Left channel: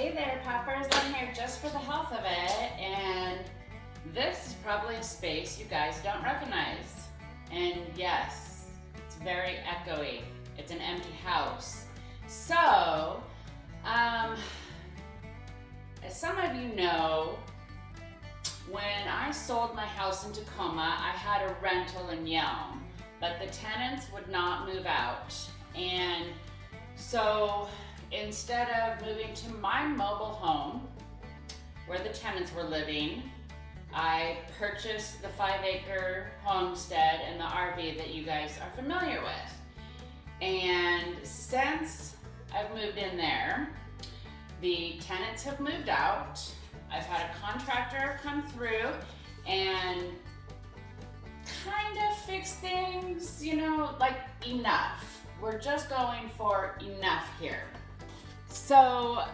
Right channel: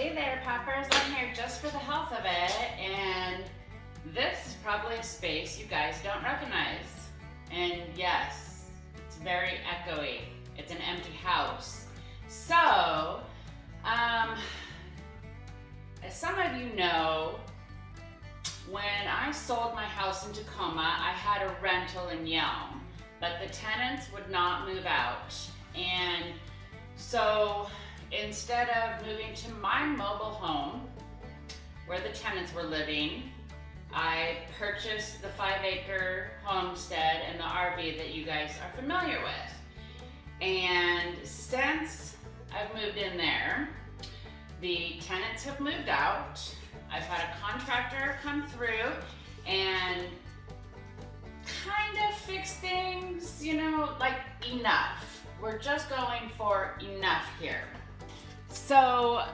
Hey there, puppers. I'm here just for the health of it, and this is probably a space you guys don't recognize. And yes, it's very echoey. It's an empty house. So, as some of you know, when I sold my house in Tacoma, I had a rental in Yelm, but the tenants would not move out. And so instead of moving to my mobile home where the tenants were living, I purchased the 5-acre homestead and the RV that you guys are familiar with. And since I've moved in there, the tenants have moved out. I've had a contractor come through and kind of fix things, like enough. We're just going for enough here. So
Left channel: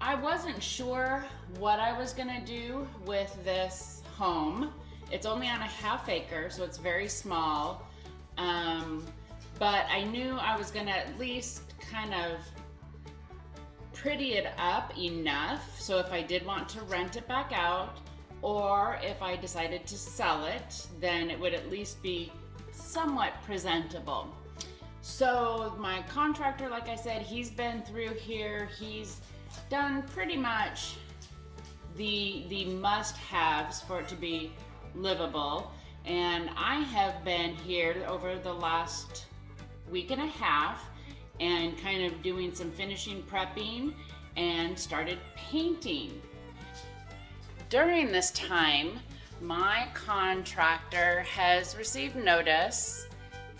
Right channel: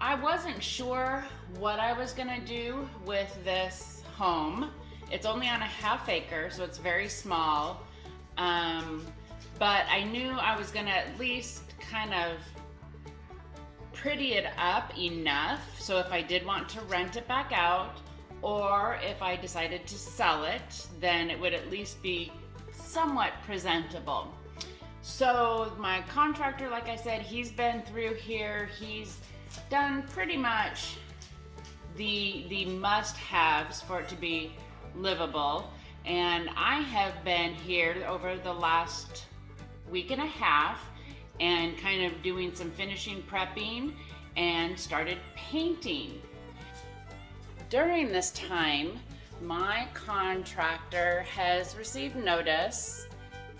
I wasn't sure what I was gonna do with this home. It's only on a 1/2 acre, so it's very small. But I knew I was gonna at least kind of pretty it up enough so if I did want to rent it back out, or if I decided to sell it, then it would at least be somewhat presentable. So my contractor, like I said, he's been through here. He's done pretty much the must-haves for it to be livable. And I have been here over the last week and a half and kind of doing some finishing prepping and started painting. During this time, my contractor has received notice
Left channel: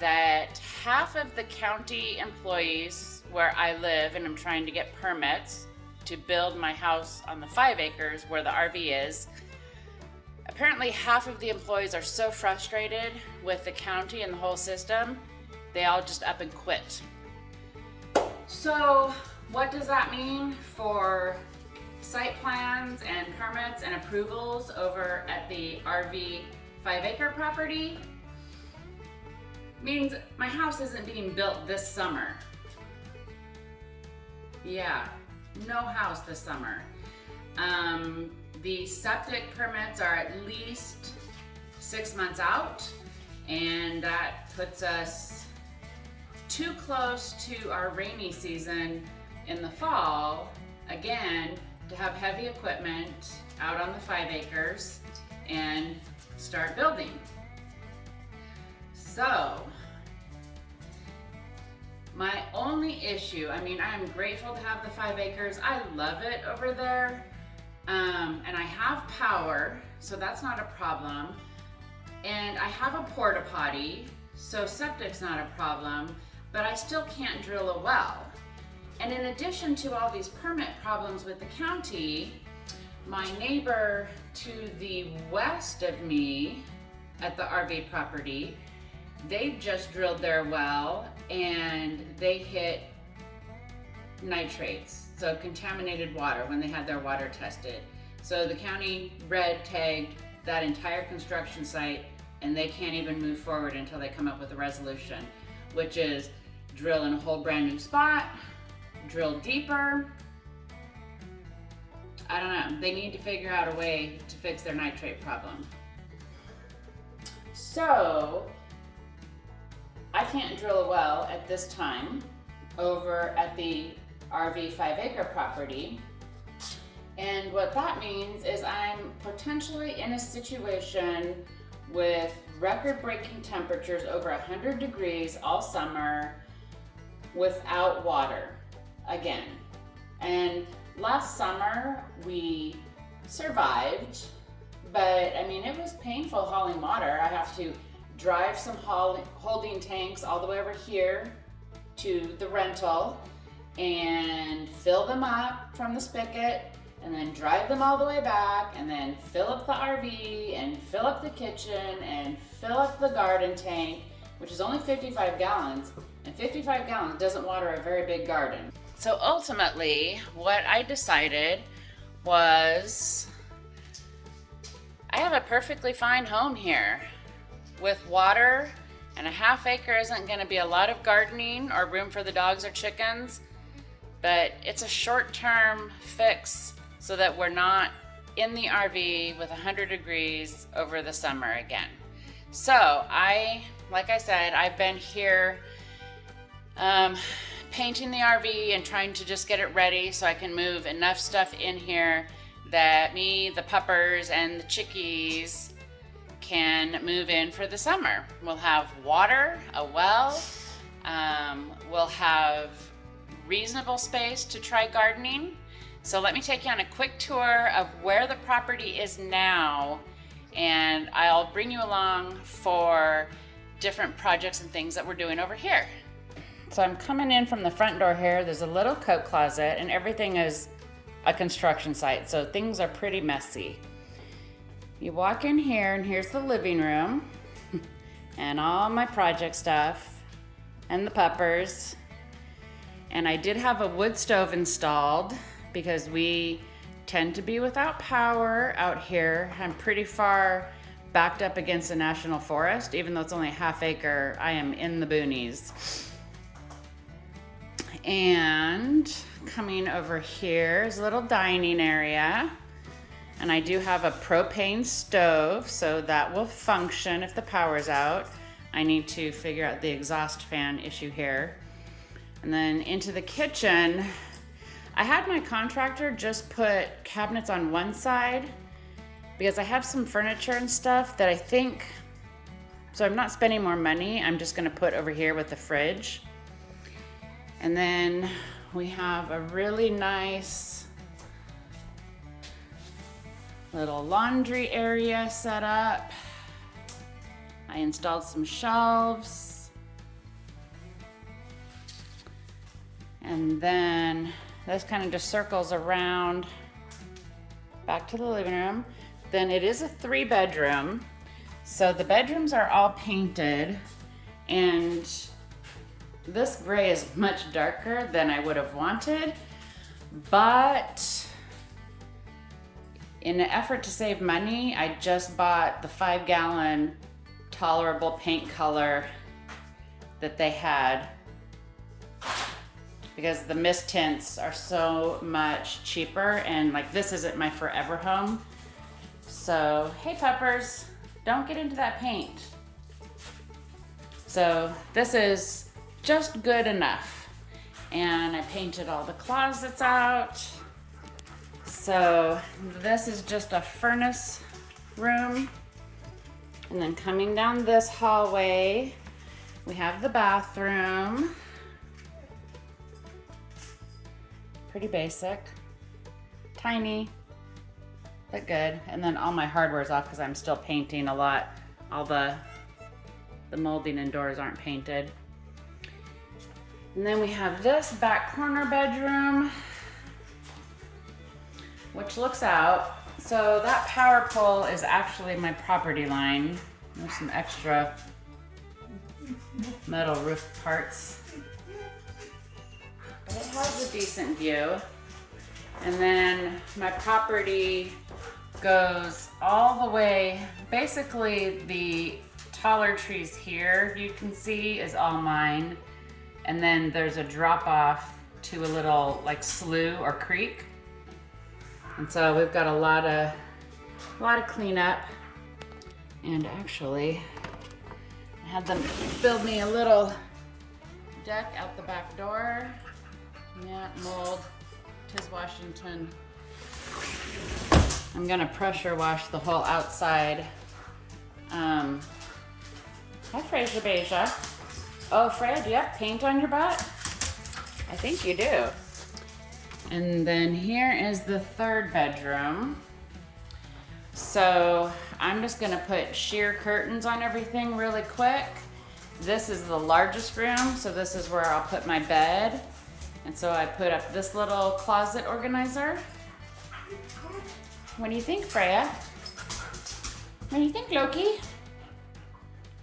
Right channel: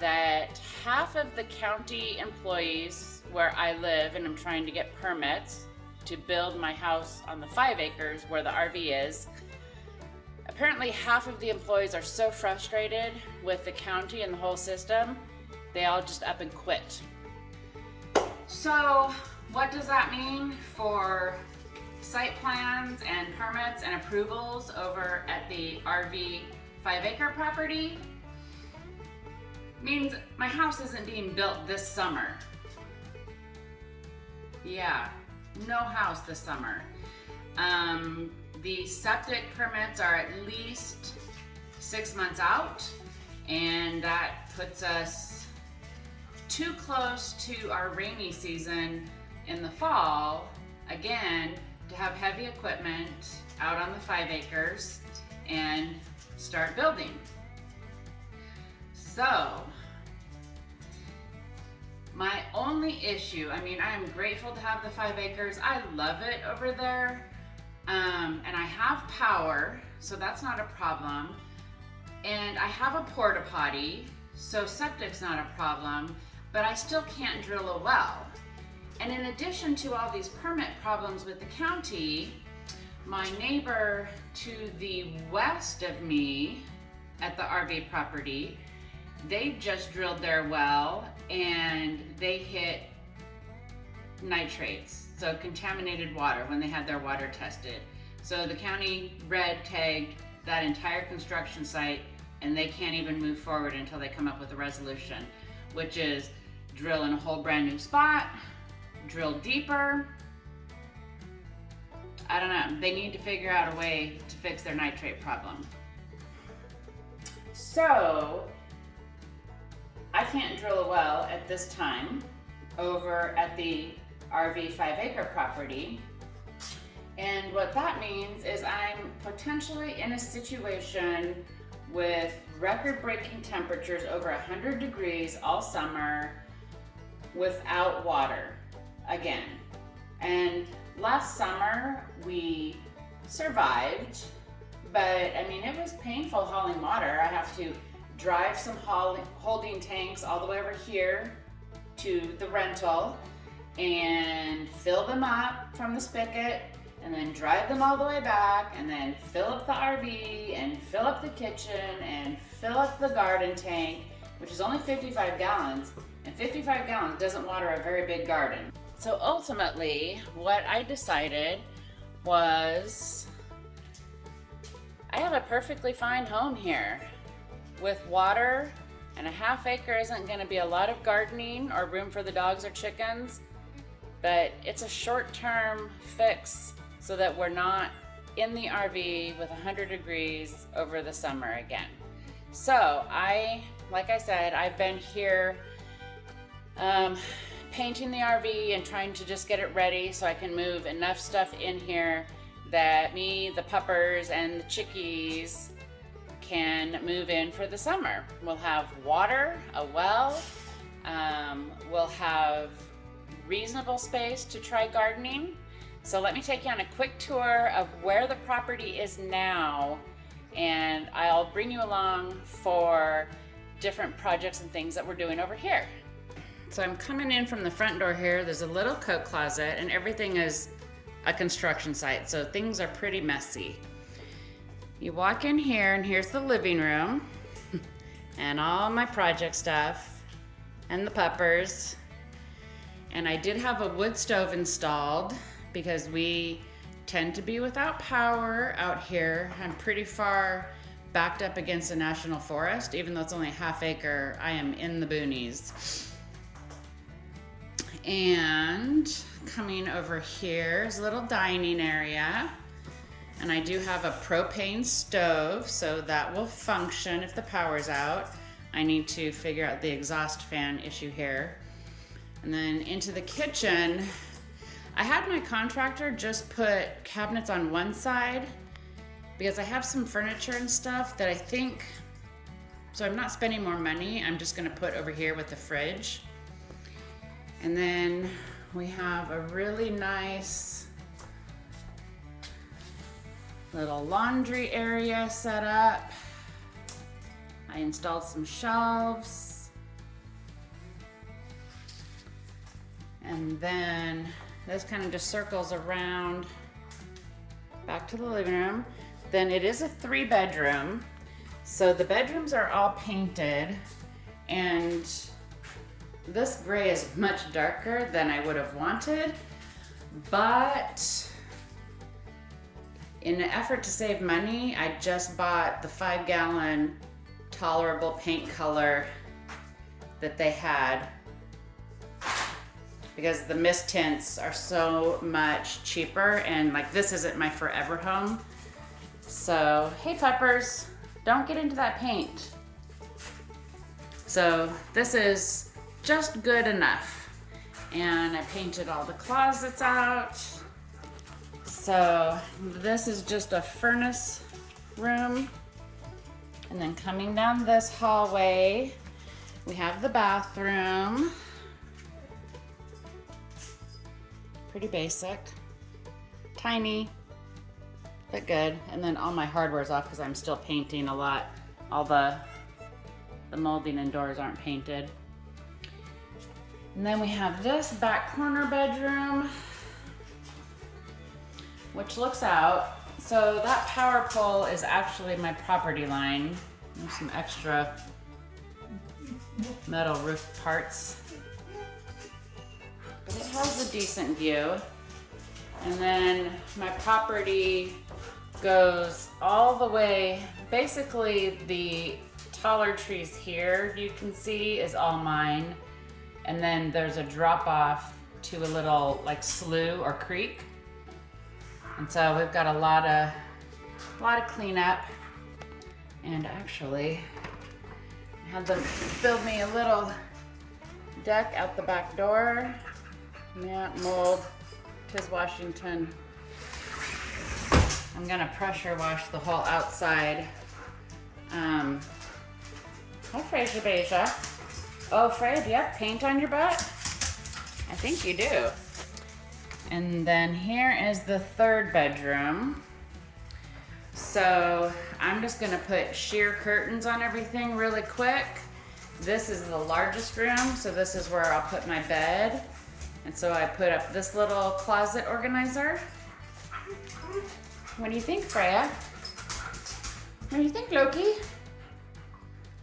that half of the county employees where I live, and I'm trying to get permits to build my house on the 5 acres where the RV is, apparently half of the employees are so frustrated with the county and the whole system, they all just up and quit. So what does that mean for site plans and permits and approvals over at the RV 5-acre property? Means my house isn't being built this summer. Yeah, no house this summer. The septic permits are at least 6 months out, and that puts us too close to our rainy season in the fall, again, to have heavy equipment out on the 5 acres and start building. So, my only issue, I am grateful to have the 5 acres. I love it over there. And I have power, so that's not a problem. And I have a porta potty, so septic's not a problem, but I still can't drill a well. And in addition to all these permit problems with the county, my neighbor to the west of me at the RV property, they just drilled their well and they hit nitrates, so contaminated water, when they had their water tested. So the county red tagged that entire construction site, and they can't even move forward until they come up with a resolution, which is drill in a whole brand new spot, drill deeper. I don't know, they need to figure out a way to fix their nitrate problem. So I can't drill a well at this time over at the RV 5-acre property. And what that means is I'm potentially in a situation with record-breaking temperatures over 100 degrees all summer without water again. And last summer we survived, but it was painful hauling water. I have to drive some holding tanks all the way over here to the rental and fill them up from the spigot, and then drive them all the way back, and then fill up the RV and fill up the kitchen and fill up the garden tank, which is only 55 gallons, and 55 gallons doesn't water a very big garden. So ultimately, what I decided was I have a perfectly fine home here with water, and a 1/2 acre isn't going to be a lot of gardening or room for the dogs or chickens, but it's a short-term fix so that we're not in the RV with 100 degrees over the summer again. So like I said, I've been here painting the RV and trying to just get it ready so I can move enough stuff in here that me, the puppers, and the chickies can move in for the summer. We'll have water, a well, we'll have reasonable space to try gardening. So let me take you on a quick tour of where the property is now, and I'll bring you along for different projects and things that we're doing over here. So I'm coming in from the front door here. There's a little coat closet, and everything is a construction site, so things are pretty messy. You walk in here, and here's the living room and all my project stuff and the puppers. And I did have a wood stove installed because we tend to be without power out here. I'm pretty far backed up against the national forest. Even though it's only a half acre, I am in the boonies. And coming over here is a little dining area. And I do have a propane stove, so that will function if the power's out. I need to figure out the exhaust fan issue here. And then into the kitchen, I had my contractor just put cabinets on one side because I have some furniture and stuff that I think, so I'm not spending more money, I'm just gonna put over here with the fridge. And then we have a really nice little laundry area set up. I installed some shelves. And then this kind of just circles around back to the living room. Then it is a 3-bedroom. So the bedrooms are all painted, and this gray is much darker than I would have wanted, but in an effort to save money, I just bought the 5-gallon tolerable paint color that they had because the mist tints are so much cheaper, and like this isn't my forever home. So, hey puppers, don't get into that paint. So this is just good enough. And I painted all the closets out. So this is just a furnace room. And then coming down this hallway, we have the bathroom. Pretty basic, tiny, but good. And then all my hardware's off because I'm still painting a lot. All the molding and doors aren't painted. And then we have this back corner bedroom, which looks out. So that power pole is actually my property line. There's some extra metal roof parts. But it has a decent view. And then my property goes all the way, basically the taller trees here you can see is all mine. And then there's a drop off to a little like slough or creek. And so we've got a lot of cleanup. And actually, I had them build me a little deck out the back door. Yeah, mold, 'tis Washington. I'm gonna pressure wash the whole outside. Hi, Frasier Beja. Oh, Freya, do you have paint on your butt? I think you do. And then here is the 3rd bedroom. So I'm just gonna put sheer curtains on everything really quick. This is the largest room, so this is where I'll put my bed. And so I put up this little closet organizer. What do you think, Freya? What do you think, Loki?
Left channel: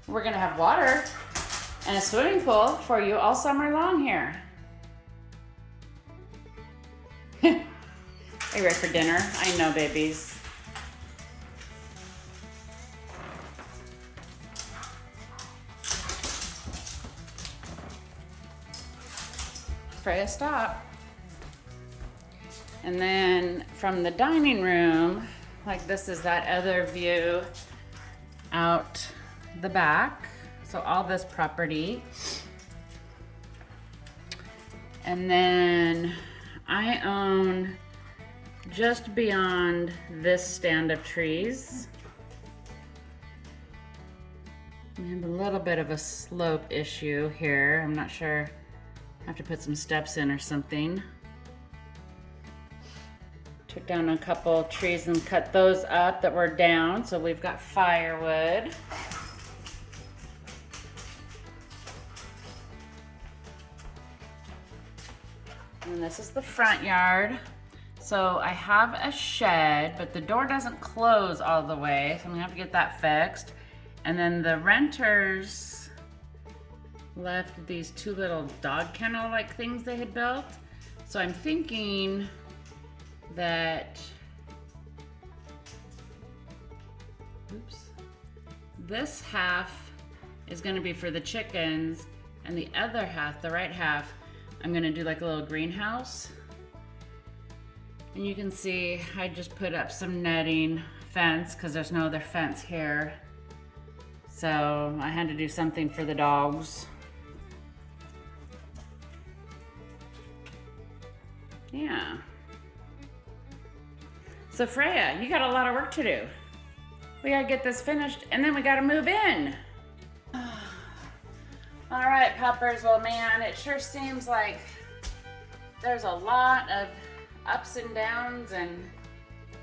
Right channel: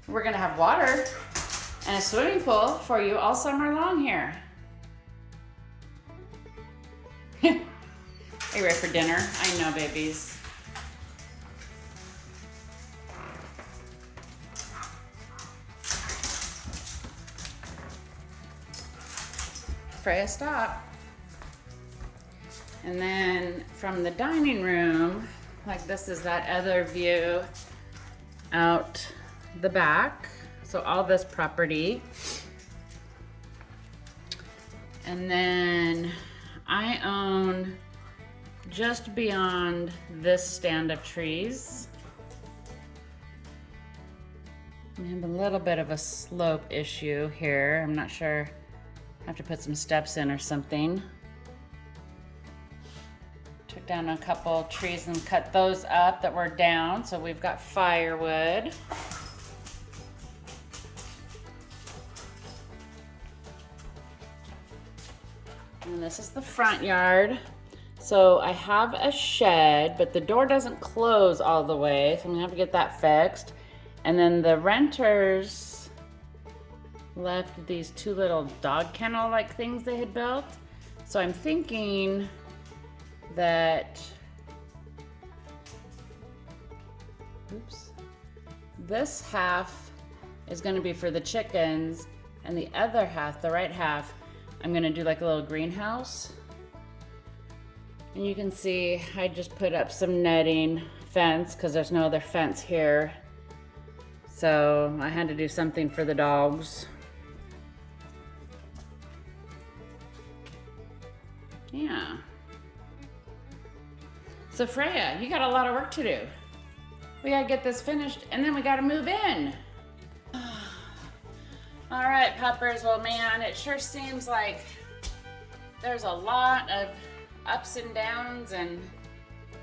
We're gonna have water and a swimming pool for you all summer long here. Are you ready for dinner? I know, babies. Freya, stop. And then from the dining room, like this is that other view out the back. So all this property. And then I own just beyond this stand of trees. I have a little bit of a slope issue here. I'm not sure. I have to put some steps in or something. Took down a couple trees and cut those up that were down, so we've got firewood. And this is the front yard. So I have a shed, but the door doesn't close all the way, so I'm gonna have to get that fixed. And then the renters left these two little dog kennel-like things they had built. So I'm thinking that, this half is gonna be for the chickens, and the other half, the right half, I'm gonna do like a little greenhouse. And you can see I just put up some netting fence because there's no other fence here. So I had to do something for the dogs. Yeah. So Freya, you got a lot of work to do. We gotta get this finished and then we gotta move in. All right, puppers, well man, it sure seems like there's a lot of ups and downs and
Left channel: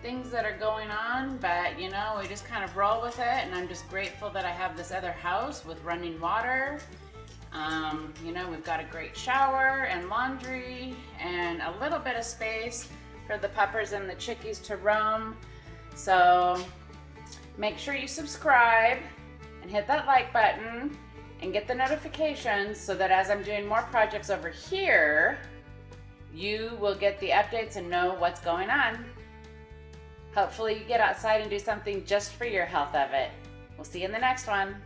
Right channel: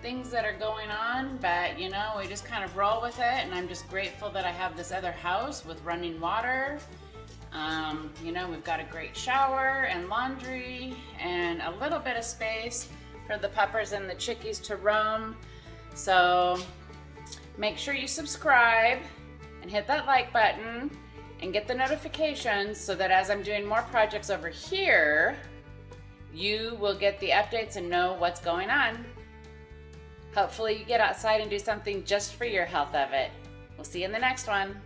things that are going on, but you know, we just kind of roll with it, and I'm just grateful that I have this other house with running water. You know, we've got a great shower and laundry and a little bit of space for the puppers and the chickies to roam. So make sure you subscribe and hit that like button and get the notifications so that as I'm doing more projects over here, you will get the updates and know what's going on. Hopefully you get outside and do something just for your health of it. We'll see you in the next one.